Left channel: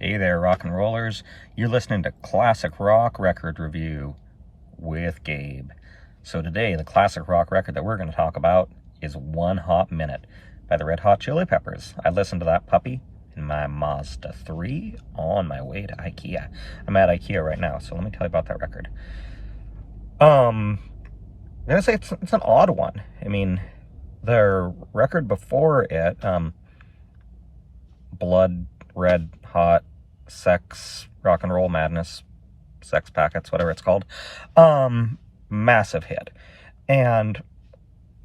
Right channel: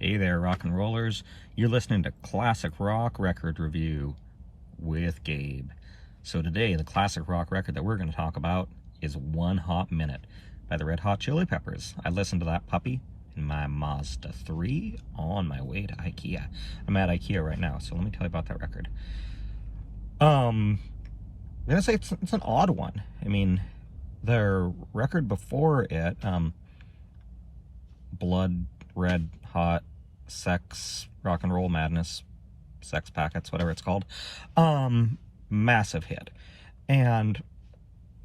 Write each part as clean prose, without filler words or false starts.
Hey there, rock and rollers. You're listening to Classic Rock Record Review with Gabe. So today, the classic rock record that we're going to talk about is One Hot Minute by the Red Hot Chili Peppers. I listened to that puppy in my Mazda 3 on my way to IKEA. I'm at IKEA right now, so let me tell you about that record. I'm going to say it's an odd one. I mean, their record before it, Blood Red Hot Sex Rock and Roll Madness, Sex Packets, whatever it's called, massive hit. And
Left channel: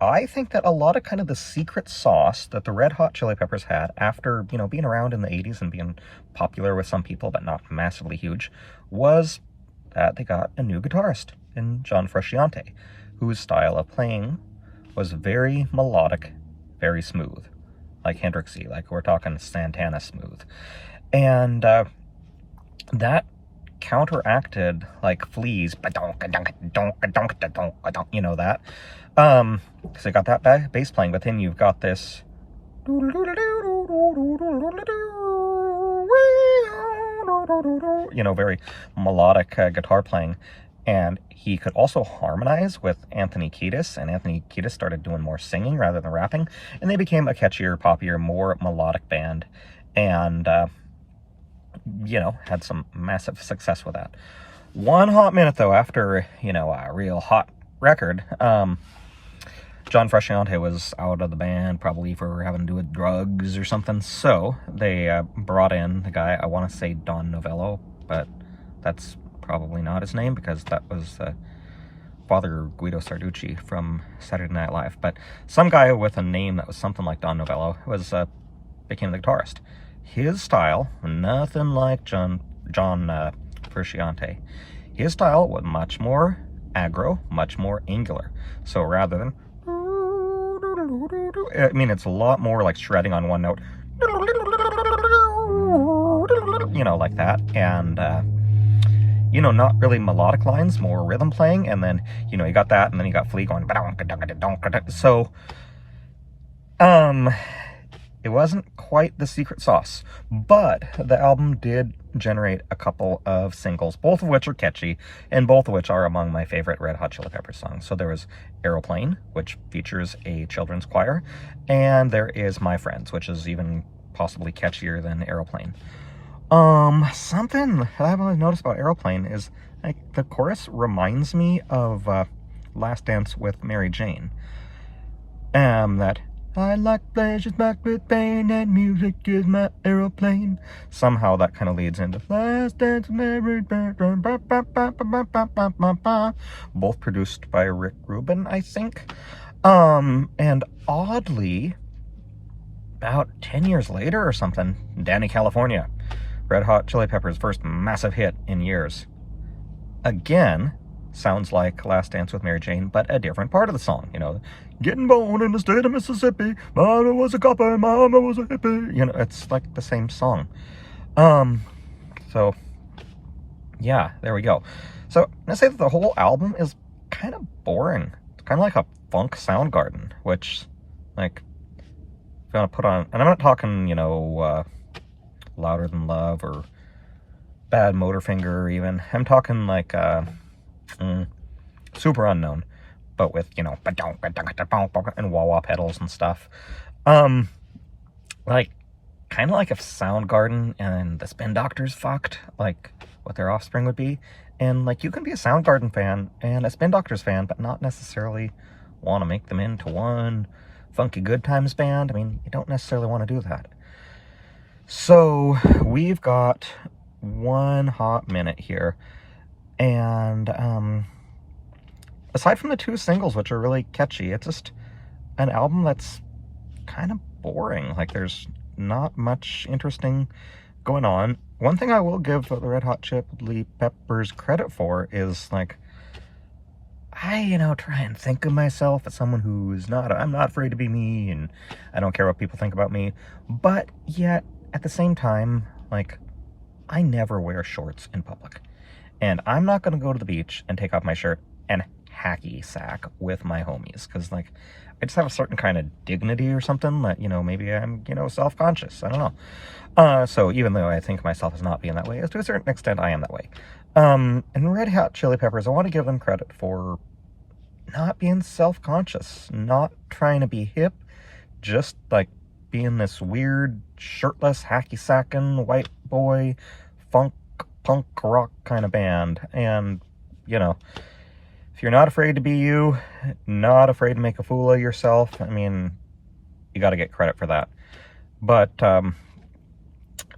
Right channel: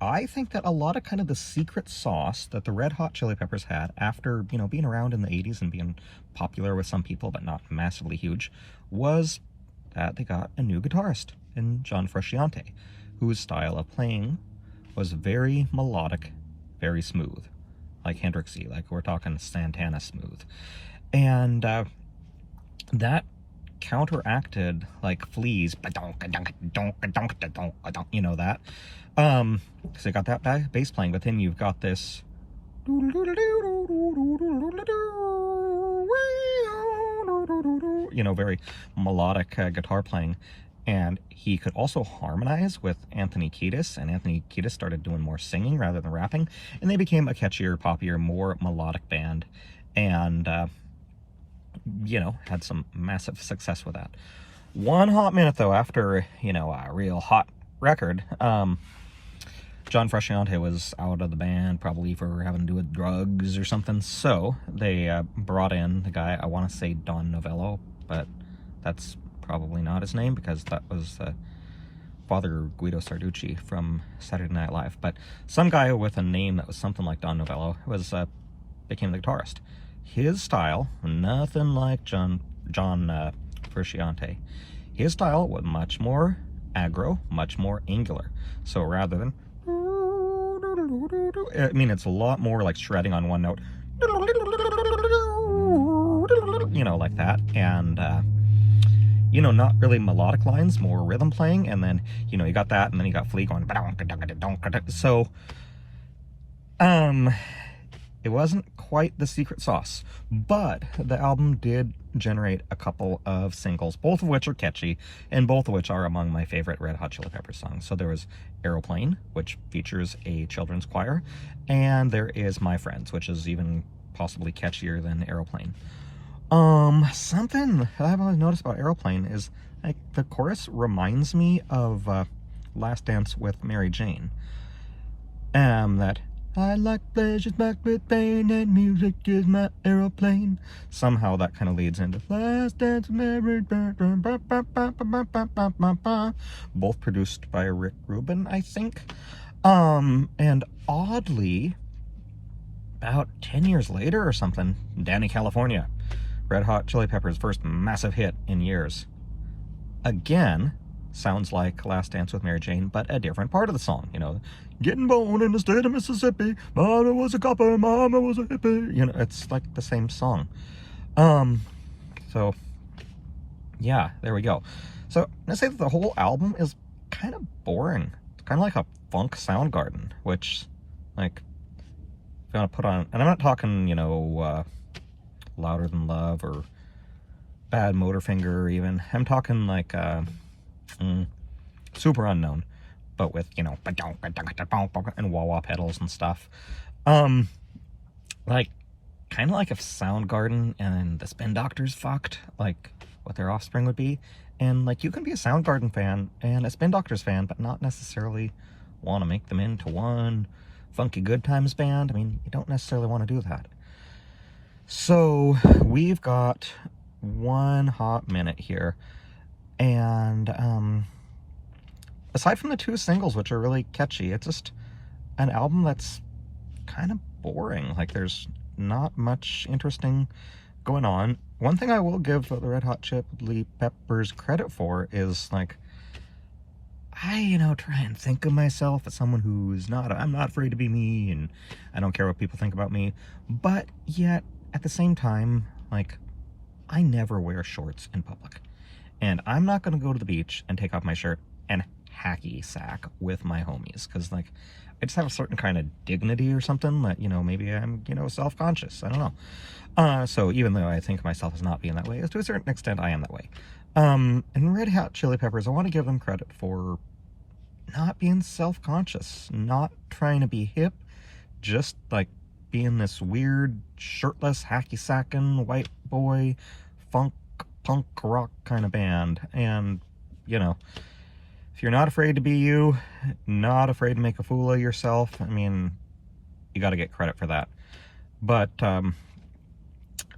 I think that a lot of kind of the secret sauce that the Red Hot Chili Peppers had after, being around in the 80s and being popular with some people, but not massively huge, was that they got a new guitarist in John Frusciante, whose style of playing was very melodic, very smooth, like Hendrixy, like we're talking Santana smooth. And that counteracted like Flea's, that, because they got that bass playing, but then you've got this, very melodic guitar playing. And he could also harmonize with Anthony Kiedis, and Anthony Kiedis started doing more singing rather than rapping, and they became a catchier, poppier, more melodic band, and, had some massive success with that. One hot minute, though, after, a real hot record, John Frusciante was out of the band, probably for having to do with drugs or something, so they brought in the guy, I want to say Don Novello, but that's probably not his name, because that was Father Guido Sarducci from Saturday Night Live, but some guy with a name that was something like Don Novello became the guitarist. His style, nothing like John Frusciante. His style was much more aggro, much more angular. So rather than, it's a lot more like shredding on one note, like that, and not really melodic lines, more rhythm playing, and then, you got that, and then you got Flea going, so, it wasn't quite the secret sauce, but the album did generate a couple of singles, both of which are catchy, and both of which are among my favorite Red Hot Chili Peppers songs. So there was Aeroplane, which features a children's choir, and there is My Friends, which is even possibly catchier than Aeroplane. Something I've always noticed about Aeroplane is, like, the chorus reminds me of, Last Dance with Mary Jane. That, I like pleasures back with pain, and music is my aeroplane. Somehow that kind of leads into Last Dance with Mary Jane. Both produced by Rick Rubin, I think. And oddly, about 10 years later or something, Danny California, Red Hot Chili Peppers' first massive hit in years, again sounds like Last Dance with Mary Jane, but a different part of the song. Getting born in the state of Mississippi, mama was a copper, mama was a hippie. It's like the same song. So yeah, there we go. So I say that the whole album is kind of boring. It's kind of like a funk Soundgarden, which, like, if you want to put on, and I'm not talking, Louder Than Love or Bad Motorfinger even. I'm talking like Super Unknown, but with, and wah-wah pedals and stuff. Like, kind of like if Soundgarden and the Spin Doctors fucked, like what their offspring would be. And, like, you can be a Soundgarden fan and a Spin Doctors fan, but not necessarily want to make them into one funky good times band. I mean, you don't necessarily want to do that. So we've got one hot minute here, and aside from the two singles, which are really catchy, it's just an album that's kind of boring. Like, there's not much interesting going on. One thing I will give the Red Hot Chili Peppers credit for is, like, I, try and think of myself as someone who's I'm not afraid to be me, and I don't care what people think about me, but yet, at the same time, like, I never wear shorts in public, and I'm not going to go to the beach and take off my shirt and hacky sack with my homies, because, like, I just have a certain kind of dignity or something that, maybe I'm, self-conscious, I don't know. So even though I think of myself as not being that way, as to a certain extent I am that way. And Red Hot Chili Peppers, I want to give them credit for not being self-conscious, not trying to be hip, just like being this weird, shirtless, hacky-sacking, white boy, funk, punk rock kind of band. And, you know, if you're not afraid to be you, not afraid to make a fool of yourself, I mean, you got to get credit for that. But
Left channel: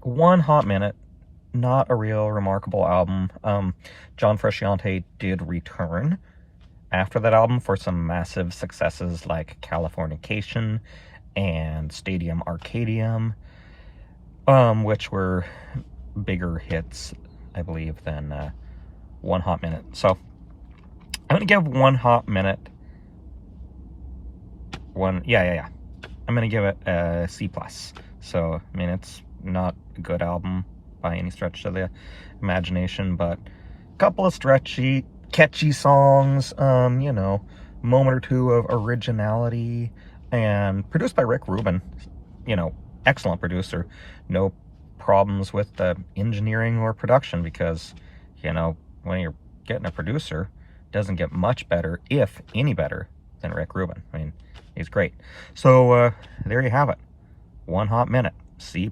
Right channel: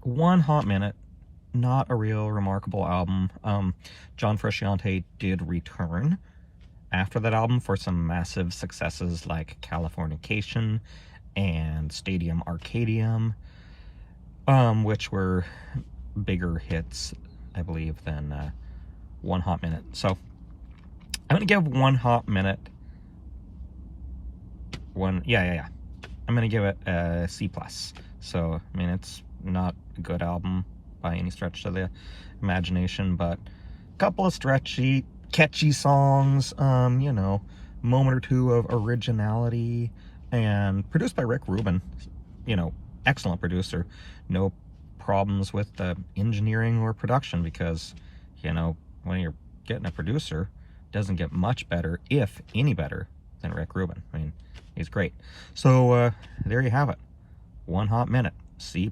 One Hot Minute, not a real remarkable album. John Frusciante did return after that album for some massive successes like Californication and Stadium Arcadium, which were bigger hits, I believe, than One Hot Minute. So I'm gonna give One Hot Minute I'm gonna give it a C+. So I mean, it's not a good album by any stretch of the imagination, but a couple of stretchy, catchy songs, you know, moment or two of originality, and produced by Rick Rubin, you know, excellent producer. No problems with the engineering or production, because, you know, when you're getting a producer, it doesn't get much better, if any better, than Rick Rubin. I mean, he's great. So there you have it. One Hot Minute, C+.